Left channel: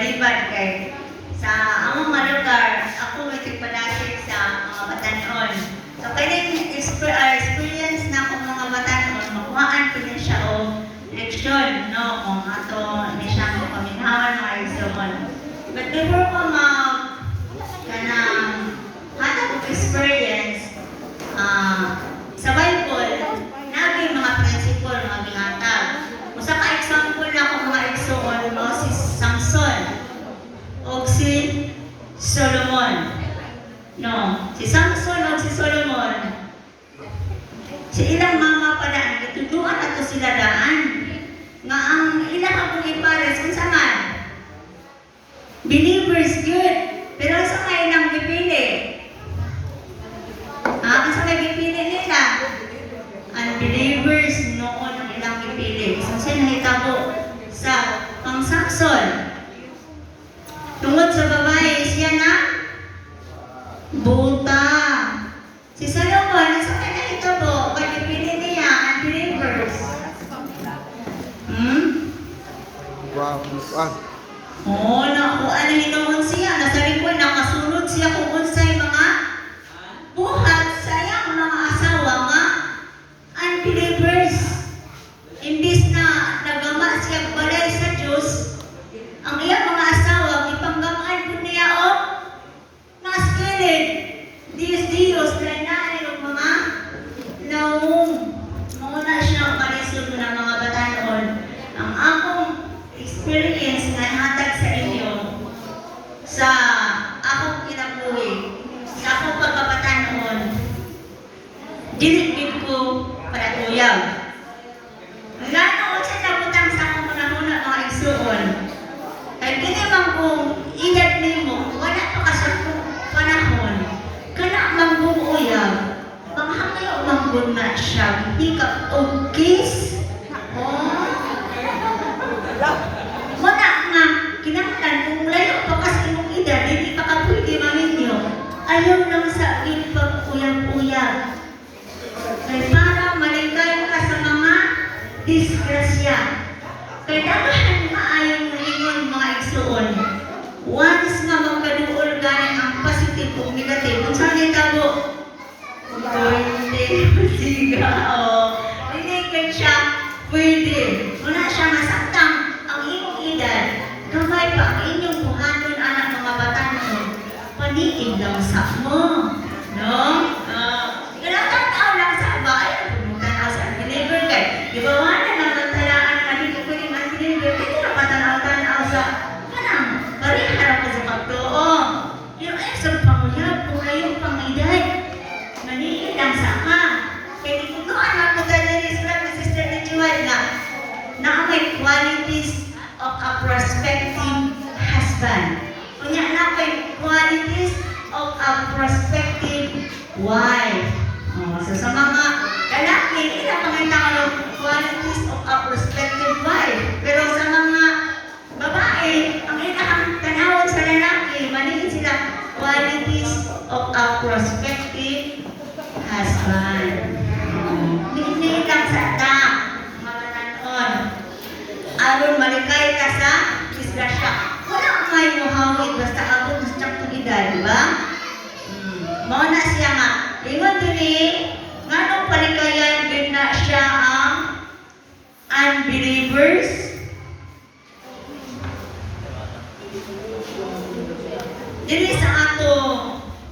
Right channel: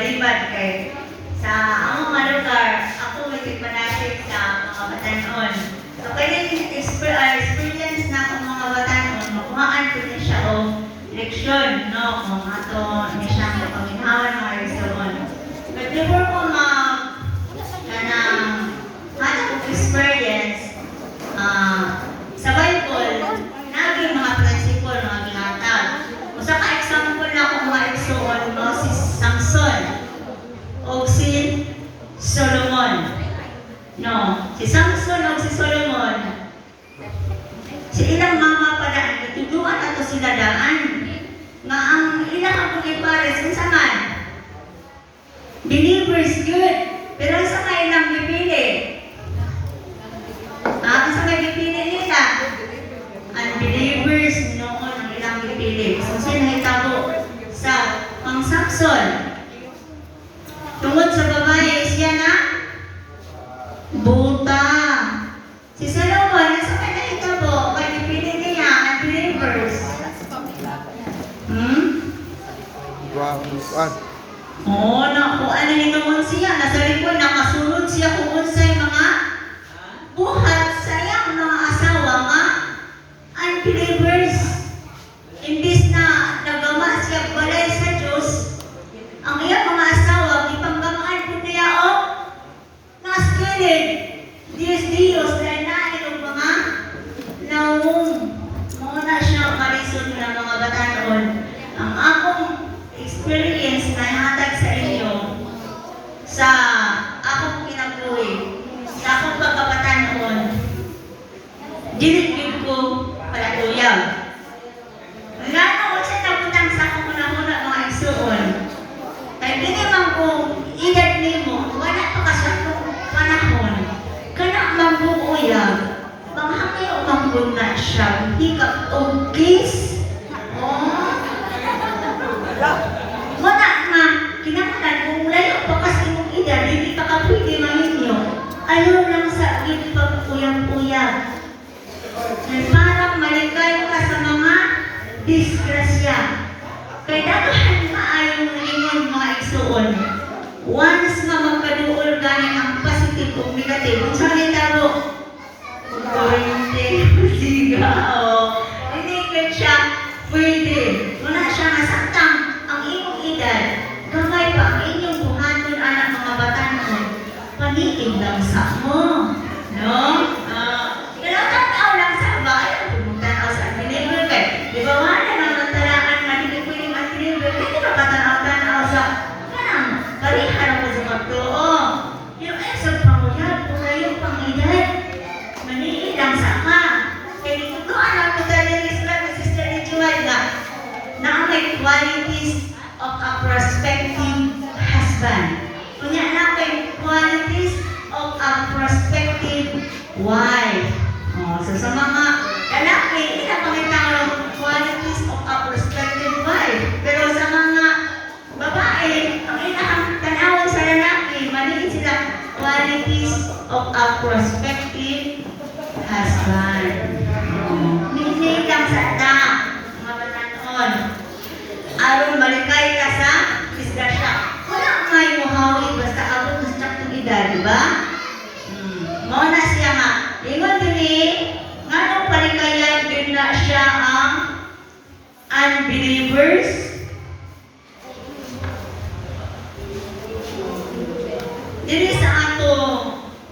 balibad kay sa among mga lugar, ako may tigpanasig sa mga batanon. So, kanyang experience na akong mga batanon, makuhaan ko din siya o leksyon, no? Kung ato ni siya ng paminhawan mga leksyon. But before ko hanap experience, sa Bible, nabi mga prinsipyo mga ginatag. Usa ka example na kung mga leksyon, no? Si Samson o si Solomon. No, si Samson o si Solomon, si ilang mama pa na ituduan ato sila daan nga ang ilang akong ipares kung man believers good, pero sa ilang gipili ang sa gipili nila unbelievers noon ang ilang gipili. So sinahitabo sa pang Samson tungod sa babae siya na buta. Si Solomon, nasa kanya ito po, kanipili niya ang believers. Wow. Oo, nakuha na hinoon siya. Nasa likod, nakasunod siya kung unsay mga buhat sa iyang mga asawa nga unbelievers. Imbis na nagama siya balay sa Diyos, ang iyang mga asawa, ipanggamaan po niya o mas kilid. Diyos, dahil natin ang mga naumong. Muna siya malisod ng mga batanon. Ang akong experience na hatag sa inyo sa akong kinabuhi, sa akong pagkabatanon, dilit ko para uyab. Ngano siya nabutang sa akong panahon mga igsuon. Kaya kiniman kong edad nimo, wala pa ka sa panahon. Kana mangbuuyab, panghangay o mangbuna siya, hindi ka ugis. Wala nga, kinakatan kung layo pa kasi mong edad, hindi pa ka pwede mahinyo. Ayaw lang sa aking pag-uyab-uyab. Kaya parang maligay ka sa mga disgrasya. Kaya dagahan na ayaw ngayon mga igsuon. Once nga magkaduol ganing ang positive o negative, kung saan yung tabo? Siga, o. Hindi ka siya pwede. Wala siya masaktan ang iyong edad. Kamay pa ang inyong buhaton anak mga batanon. Paniig lang sa mo. No? Tao lang sa ba? Ayaw, pumutanaw sa believer kay. Di ba wala naman talaan na hindi pwede mas believer? Hindi na patanaw-tanaw sa balihan ko sa magtoo. Yung sa panguyab, kung na yung pang-edad, maniid ang sama. Kaya dito doon ako sa Islam, Sister Nijuan na may qualities of a prospective husband. Kunya na may qualities of a prospective wife. So sa mga lalaki, ilang pangitawag qualities of a prospective wife. Pero sa mga babae, ang ilang tanawag sa lalaki, maliit sila qualities of a prospective husband. Hindi lang sa mga batanon. Aron malikay ka sa disgrasya. Wala may muhawid basta abot sa taktong edad, di ba? Mauna siya nga. Ingon din nga nung palikayan din na siya ang unbelievers. Dili sa ato,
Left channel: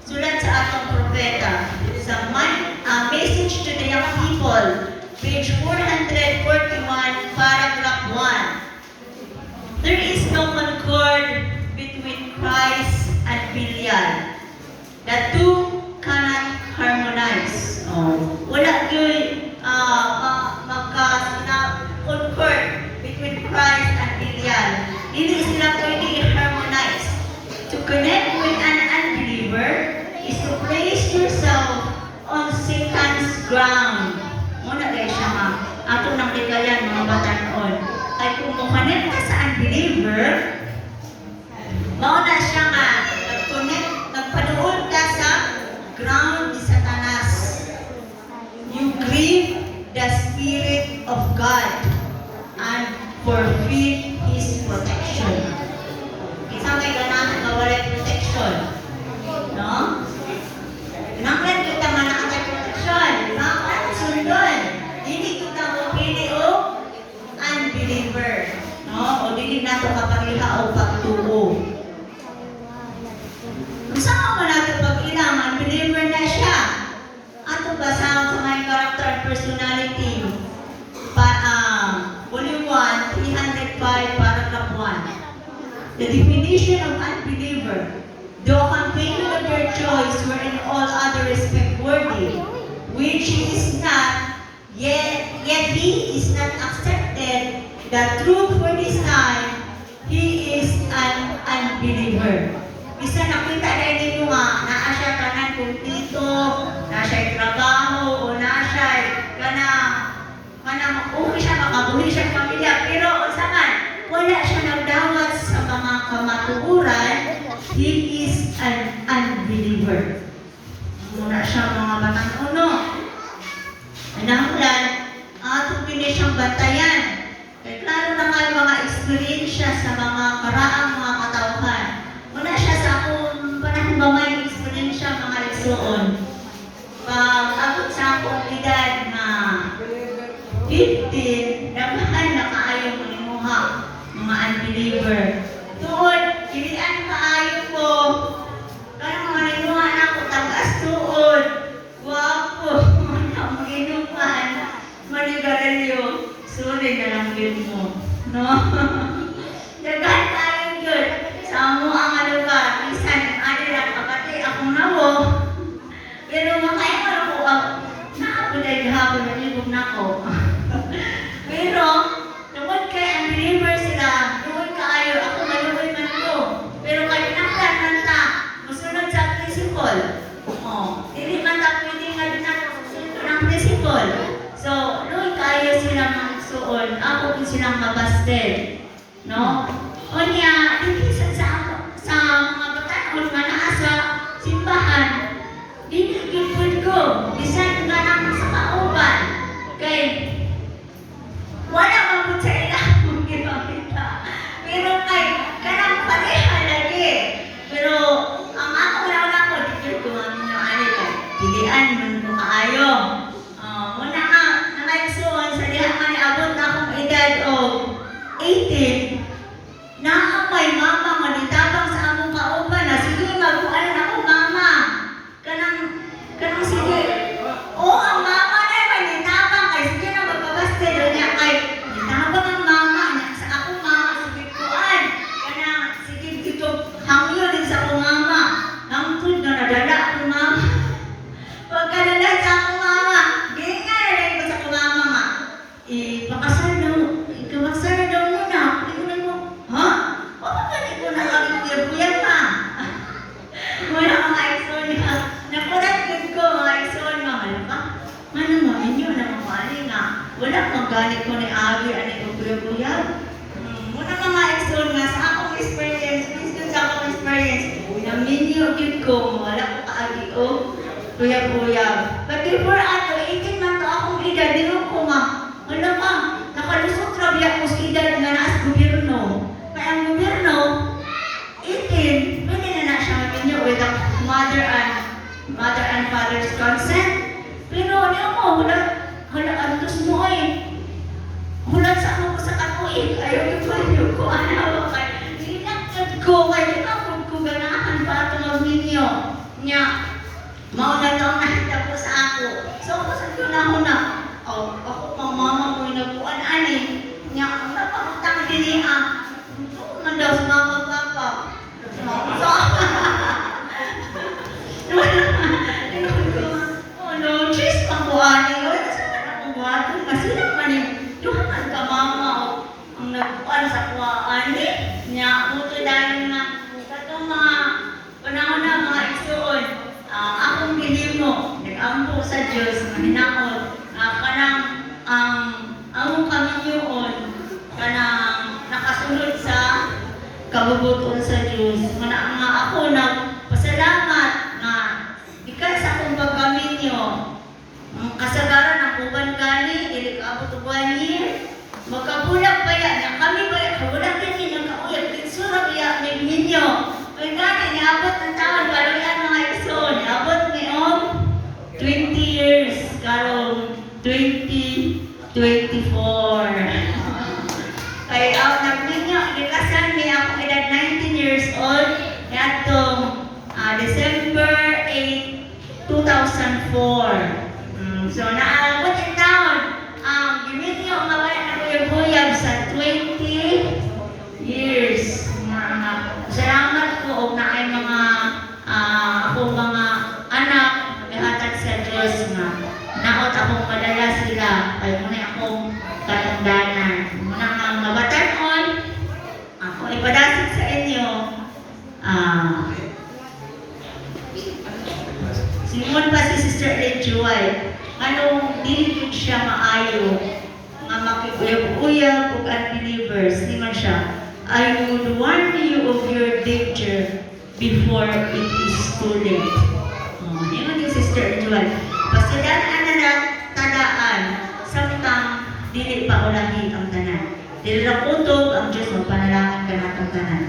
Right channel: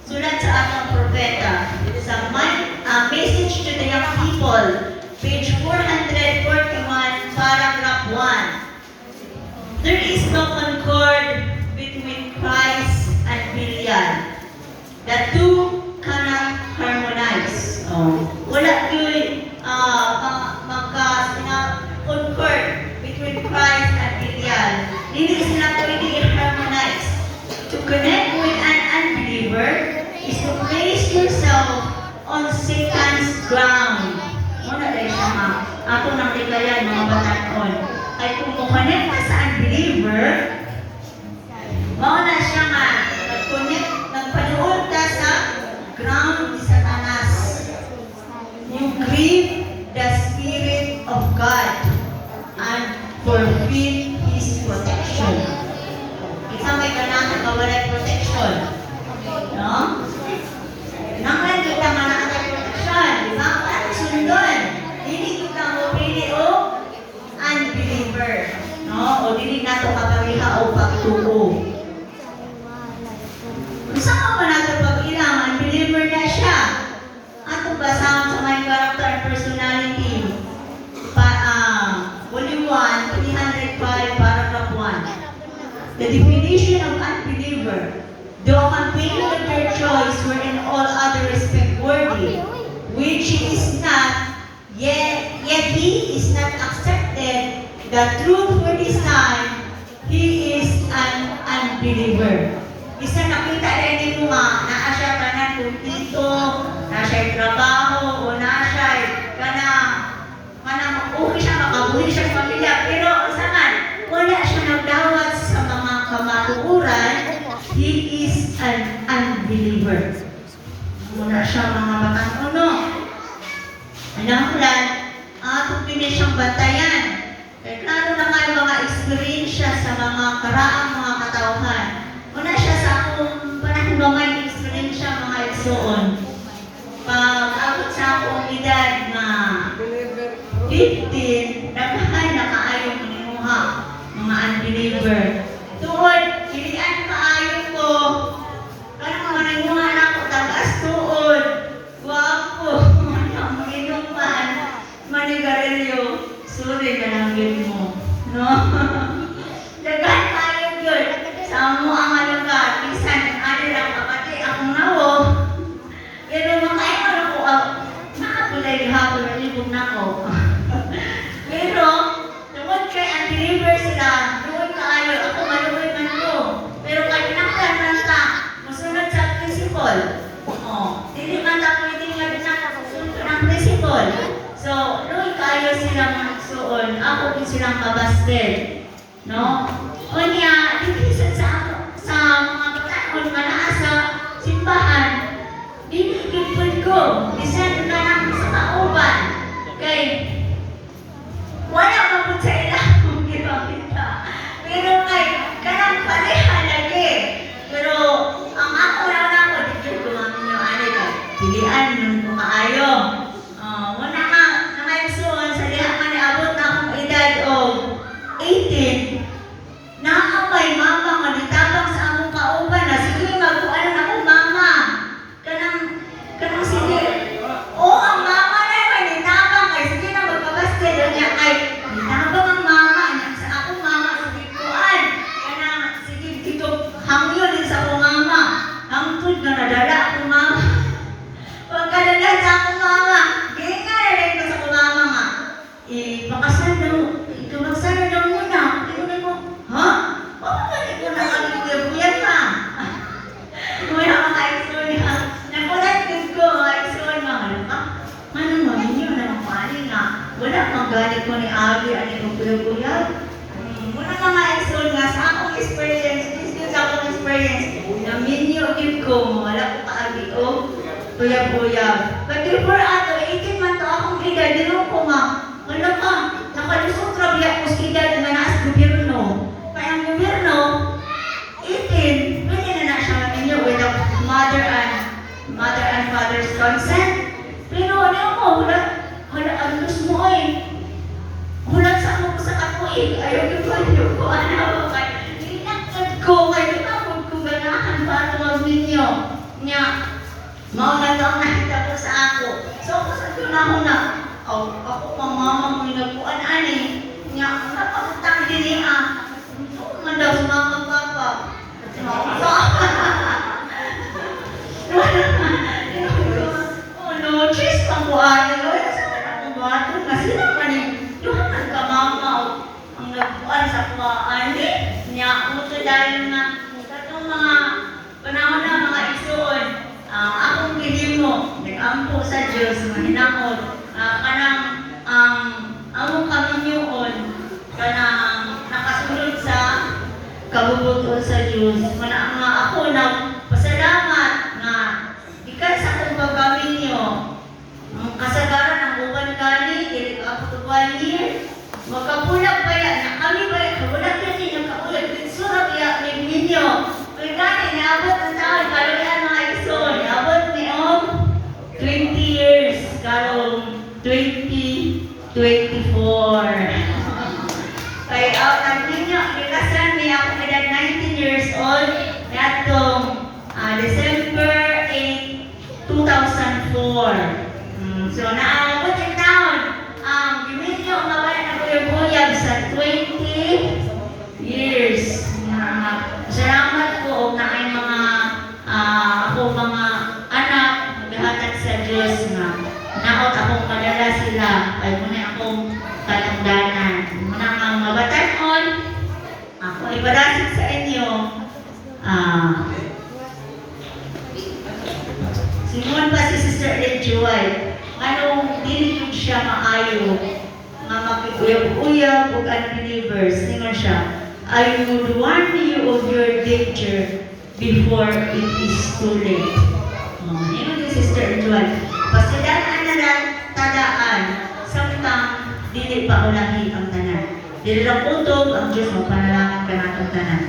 sulat sa atong propeta, sa Message to the Young People, page 441, paragraph 1. There is no concord between Christ and Belial. The two cannot harmonize. Wala yun magka-concord between Christ and Belial. Hindi sila pwede i-harmonize. To connect with an unbeliever is to place yourself on Satan's ground. Muna dahil siya nga, ako nang ligayan mga batanon. Ay kung mukanet ka sa unbeliever, mauna siya nga, nagpaduol ka sa ground ni Satanas. You grieve the Spirit of God and forfeit His protection. the definition of unbeliever, though continuing with their choice were in all other respect worthy, which is not, yet he is not accepted, that through for this time, he is an unbeliever. Bisa nakita rin mo nga, naa siya kanan kung dito, na siya trabaho, o na siya okay siya, makabuhi siya sa pamilya, pero usahan, wala siya nagdawat sa mga kamatuuran, he is an unbeliever. Wala siya mga batang-uno. Ananglan, ang atong pili siyang bantayan. Kaya klaro na nga yung mga eksperyensya sa mga karaang mga katauhan. Wala siya sa akong panahon ba may eksperyensya mga igsoon. Pag abot sa akong edad na 15, nagkahay na kaayong imuha, mga unbeliever. Tuod, pilihan kaayong ko, kaya mga nanguha na ako, tagas tuod, guwapo, mag-inuman, manigarilyo, sorry na lang yun mo, no? Dagan kaayong yun, sa mo ang lugar, minsan, ano lang kapati, akong nawo, pero makaingon ko, nakapulay hapon, nalibog na ako. Pero, tungkol kay unbeliever sila, tungkol kaayo, ako maluloy man ko. Pero kay pinaklan man ta, musunod sa principle. Hindi man ta pwede nga dinakasunod ng principle. So, luloy kaayo silang magsuon, ako din silang kabasted. No? Kunya, hindi sa mga pagkaon, manaa sa simbahan, dinigipod ko, bisan ka lang sa kauban. Kay, wala mabot sa ilang ginamita. Pero kay, kanang pareha lagi. Pero, ang ako lang ako, dito kumami nyo, ano ka, pilihan nun ko maayo. Muna nga, nangaysuon, sa liha man abot na akong edad o 18, naamay mama, manitabang sa among kauban na, sige, magkuhan akong mama. Kanang sige, ang mama na yun, manitabang kay, sige na magkabaste doon niya kay, manitabang ang mama niya, sa akong mama, sige kuhan. Kanang, sige, dito, hangyo din sa akong mama. Hangtod na nadala akong mama. Pagkadala sa akong mama, ganyan nga na rin ko sa akong mama nga. Pakasano, ikabagsano daw muna. Ikaw mo, ha? Bakit ko na kami kuya-kuya pa? Wala mga ipson ha. Nakulat ko mga ipson mga laka. Manang mami nyo na mamali nga. Wala kang galit ko ni Abi, ano yung kuya-kuya. Muna mga ipson nga sa akong experience, minsan sa akong experience, naminyo din ko, wala ko kaagi ko, kuya-kuya. But before ato, 18 man to akong edad, dinong ko nga, wala ka, nakalusok trabi ako sa edad na naas gobyerno. Kaya ang gobyerno, 18, pwede na siya matinyo without mother and father's consent. Pero ano mo, ang gusto mo hulat sa ako sa katuig, ayaw ko ano, hinagtad ko, kaya kinapod ko ganahan pa ito magninyo. Nga, mauna taong nakita ko sa ako. So, ako sa pinahuna, ako pang mama mo yung nagpuan, nga, ang napakatang din ito nga daw sa mga magpapa. No, cheese pang buhani. Wala sa kanang buhato. Kasi naman duhangan ka mama ang nagpuan sa kuwaan. Nya, muto dahil nga, katong mga panahon na mga igsuon, akong gihimo, nag-ampo sa Diyos, mahinakot, kanang among kaminyoon, kanang nakasunod sa kabubuton sa Diyos. Muna nga ako nagpasalamat nga ikan sa akong pagkaminyo. Ang kasagaran ng uban gani, dili ka ako to 1 year. Magkapulang kaya na kami ba, kabulang din nagkaulat din sura kaya may minyo. Kaya gani, niabot ang taon, karoon mga ison, niabot ni 20 years, karong 2024. Kaya nagtinyo, likasan niya ako edad 19 years old, natong December 8, 2004. So, naabot yung taon, giminyo nga ba na kuyog-kuyag sa 20 nang mabatanon, ako ipadasig sa inyo, simon pa si Sister Red Joy, anong dili yun siya maayo, nga makikuyab-uyab o unbelievers, simon siya, I would warn you of your danger before it is too late. Yun yung Sister Joy. Pasidaan na lang tadaan, samtang dili pa ulahi ang tanan. Dili lang utog ang Diyos mo, panalangin ka na ang tanan.